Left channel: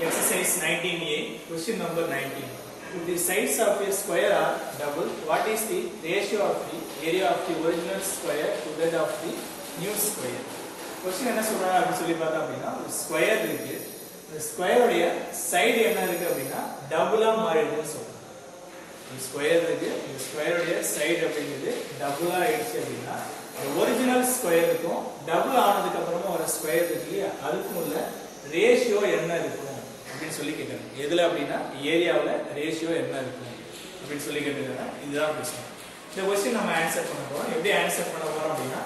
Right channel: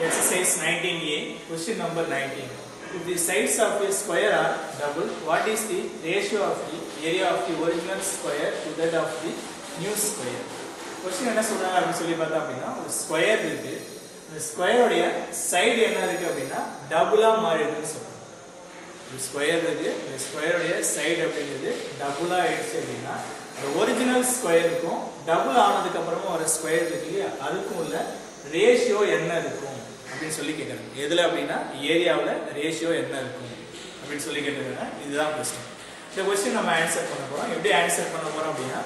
Exercise 19A, question number 19. If the sides of a square are double, what is the ratio of the area of the original square to that of the new square? Question என்ன சொல்றாங்க அப்படி சொல்லி பார்த்தா அப்படின்னா ஒரு square இருக்கு. இந்த ஸ்கொயரோட சைடு என்ன இருக்கு அப்படின்னா டபுளா மாறிடுதுன்னு சொல்றாங்க. இந்த ஸ்கொயர் இருக்கு. இந்த ஸ்கொயரோட சைடு அப்படிங்கிறது டபுளா ஆயிடுச்சு அப்படின்னா ஒரிஜினல் ஸ்கொயருக்கும் டபுள் ஆனதுக்கு அப்புறமா ஒரு ஸ்கொயர் இருக்கு இல்லையா அதுக்கும் உள்ள ரேஷியோ என்ன இருக்கும் அப்படின்னு சொல்லி கேட்கறாங்க. எதுல அப்படின்னா ஏரியாவில் ரேஷியோ என்ன இருக்கும் அப்படின்னு சொல்லி கேட்கறாங்க. இதுதான் கொஸ்டின். இந்த கொஸ்டின் நம்ம ஆன்சர் பண்ண போறோம். எப்படி ஆன்சர் பண்ண போறோம் அப்படின்னா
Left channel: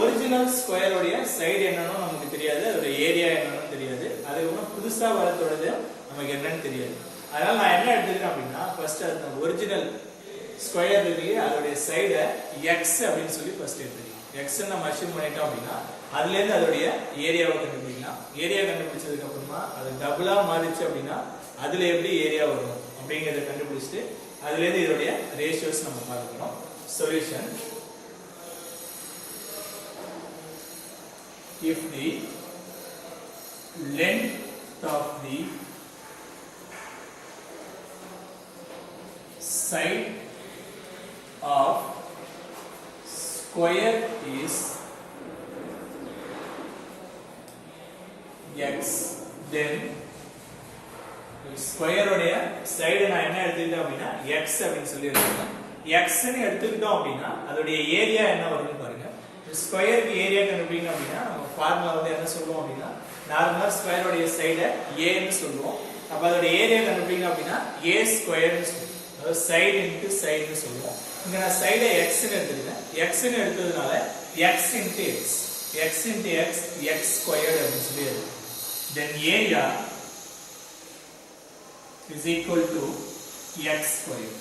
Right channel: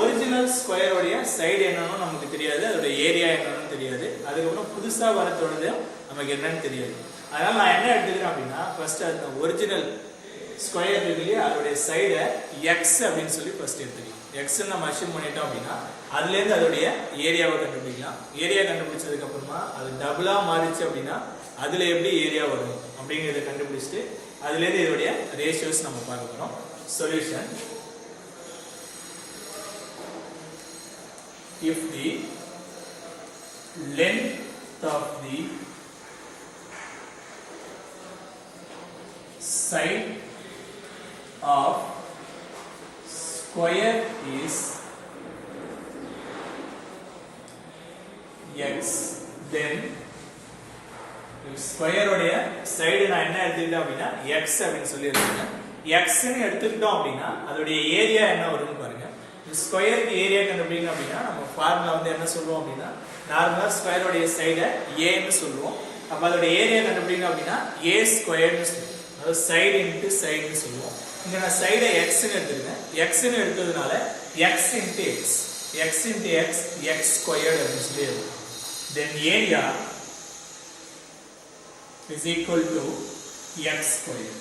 ஒரிஜினல் ஸ்கொயரோடைய சைடு என்னன்னு நமக்கு தெரியாது, அதோட ஏரியா என்னன்னு தெரியாது, அதுக்கப்புறம் புதுசா வரத்தோடது நமக்கு என்னன்னு தெரியாது. அதனால நான் என்ன எடுத்துக்கிறேன் அப்படின்னா ஃபர்ஸ்ட் அந்த ஒரிஜினல் ஸ்கொயர் இருக்கு அதோட சைடை எக்ஸ் அப்படின்னு சொல்லி ஃபர்ஸ்ட் எடுத்துக்கலாம். எக்ஸ் நம்ம அஷ்யூம் பண்ணிட்டோம் அப்படின்னா அதுல இருந்து அதோடைய ஏரியாவை கண்டுபிடிக்கலாம். ஏரியா கண்டுபிடிச்சதுக்கு அப்புறமா அது டபுளா மாறிச்சு அப்படின்னா அதுல எப்படி ஏரியா வரும் அப்படிங்கறத கண்டுபிடிச்சிட்டு அதுல இருந்து இதோடைய ரேஷியோஸ் நம்ம பார்க்கணும். Solution: if the length of the side of square is x, then square உடைய சைடு நான் என்ன எடுத்துக்கிட்டேன் அப்படின்னா x அப்படின்னு சொல்லி எடுத்துக்கிறேன். x ன்னு எடுத்துக்கிட்டோம் அப்படின்னா அதோட ஏரியா என்ன வருதுன்னு பாருங்க. ஸ்கொயருக்கு ஏரியா கண்டுபிடிக்கணும் அப்படின்னா நம்ம ஃபார்முலா வந்து என்ன சொல்லுவோம் அப்படின்னா நார்மலா ஸ்கொயர் உடைய சைடை a ன்னு சொல்லுவோம். அப்ப அதோட ஏரியா கண்டுபிடிக்கணும் அப்படின்னா a ஸ்கொயர்னு சொல்லுவோம். அதாவது சைடு இன்டு சைடுன்னு சொல்லுவோம். இங்க நான் சைடை x ன்னு எடுத்துக்கிறேன். x ன்னு எடுத்ததுனால x into x, x into x, x squared அப்படின்னு சொல்லி இருக்கும். Then area is equal to x squared.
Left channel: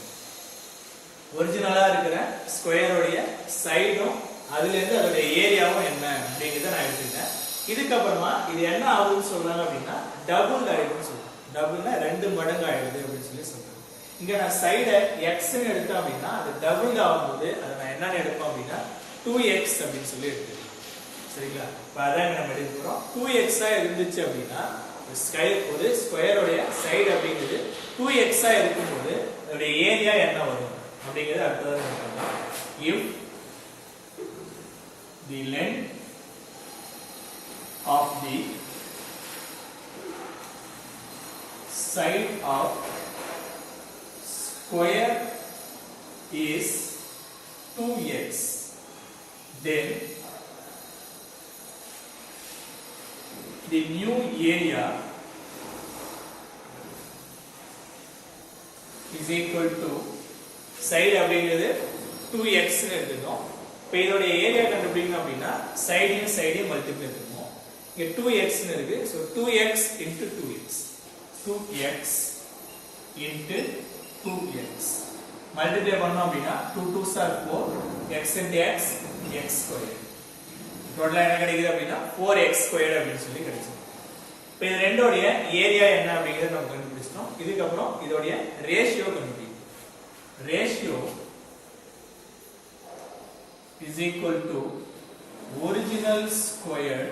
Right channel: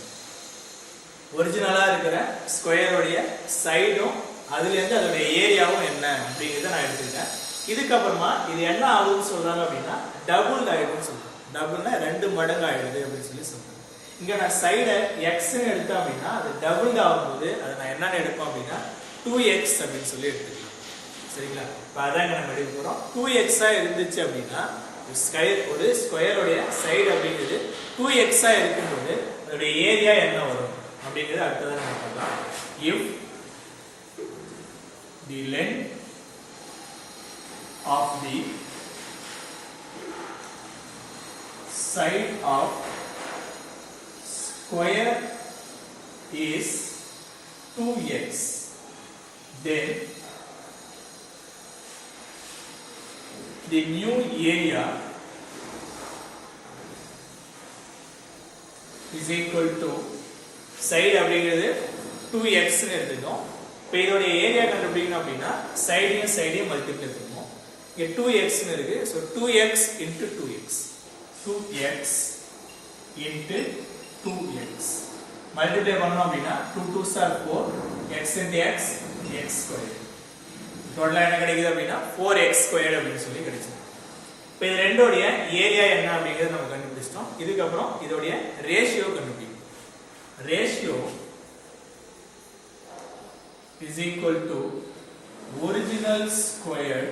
ஒரிஜினலா இருக்கிற ஸ்கொயரோடைய சைடும் அதுல இருந்து அதோட ஏரியாவும் என்ன அப்படிங்கறத நான் எடுத்துக்கிட்டேன். இதுக்கு அப்புறமா இது என்ன ஆகுதுன்னு சொல்றாங்க அப்படின்னா டபுள் ஆயிடும்னு சொல்றாங்க. டபுள்னா 2 மடங்கு ஆயிடுது அப்படின்னு சொல்லி சொல்றாங்க. இங்க நான் சைட x ன்னு எடுத்தேன் அப்படின்னா அது டபுள் ஆகும்போது அதை நான் என்னன்னு எடுப்போம் அப்படின்னா 2x அப்படின்னு சொல்லி எடுத்துக்கலாம். சரிங்களா? இப்ப அதான் நம்ம எடுக்க போறோம். 2x ஆ இருந்துச்சு அப்படின்னா ஒரு ஸ்கொயரோடைய சைடு அப்படிங்கிறது 2x ஆ இருக்கும்போது அதோட ஏரியா என்ன வரும் அப்படிங்கிறது அடுத்ததான் நம்ம பார்க்கலாம். if the length of the side of square is 2x, then the new area is equal to side அப்படிங்கிறது 2x ன்னு எடுத்துட்டோம். இப்போ இதோட ஏரியா கண்டுபிடிக்கணும் அப்படின்னா சைடையும் சைடையும் மல்டிப்ளை எடுத்துக்கணும். இங்க 2x ன்னு இருக்கு. So 2x into 2x, 2x into 2x multiply பண்ணோம் அப்படின்னா 2 2s are 4, x into x, x squared. டோட்டலா என்ன கிடைக்குது அப்படின்னா 4x squared அப்படின்னு சொல்லி கிடைக்கும். இப்போ இது ரெண்டோட ஏரியா என்ன அப்படிங்கறத நம்ம கண்டுபிடிச்சிட்டோம். இதுக்கு அப்புறம் இதோட ரேஷியோ கண்டுபிடிக்கணும். Ratio is equal to original square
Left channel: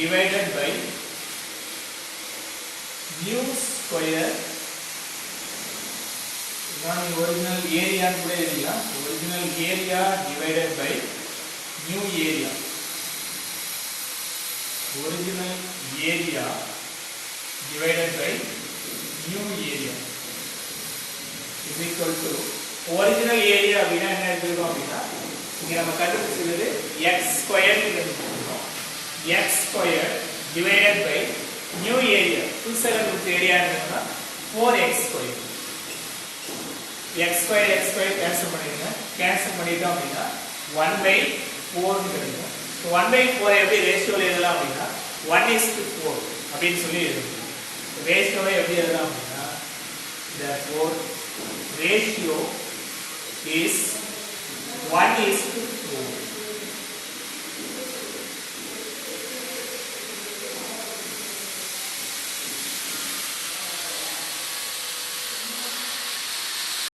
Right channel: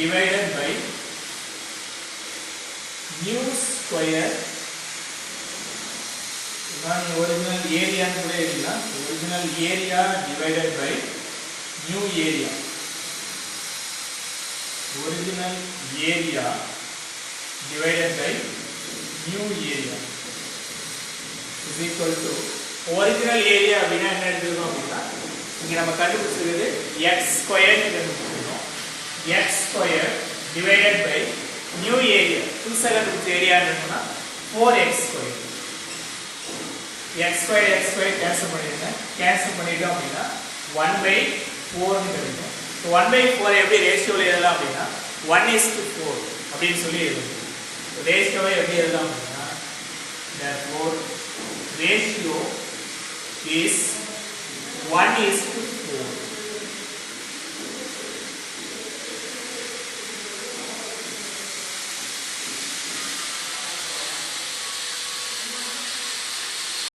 divided by new square. நான் ஒரிஜினல் ஏரியான்னு கூட எழுதலாம். Original area divided by new area. Original area divided by new area is equal to original area அப்படின்னா என்ன எடுத்துக்கிறோம் அப்படின்னா இங்க நம்ம கண்டுபிடிச்சது x ஸ்கொயர் கண்டுபிடிச்சிருக்கோம். x square divided by new area. புதுசா கண்டுபிடிச்ச ஏரியா என்னன்னா 4x square. x square cancel பண்ணிடுங்க. கேன்சல் பண்ணிட்டோம் அப்படின்னா 1/4 ன்னு கிடைக்கும். சோ 1/4 எப்படி ரேஷியோல எழுதலாம் அப்படின்னா 1:4 அப்படின்னு சொல்லி எழுதலாம். ரேஷியோவை எப்படி எழுதலாம் அப்படின்னா therefore ratio is 1:4.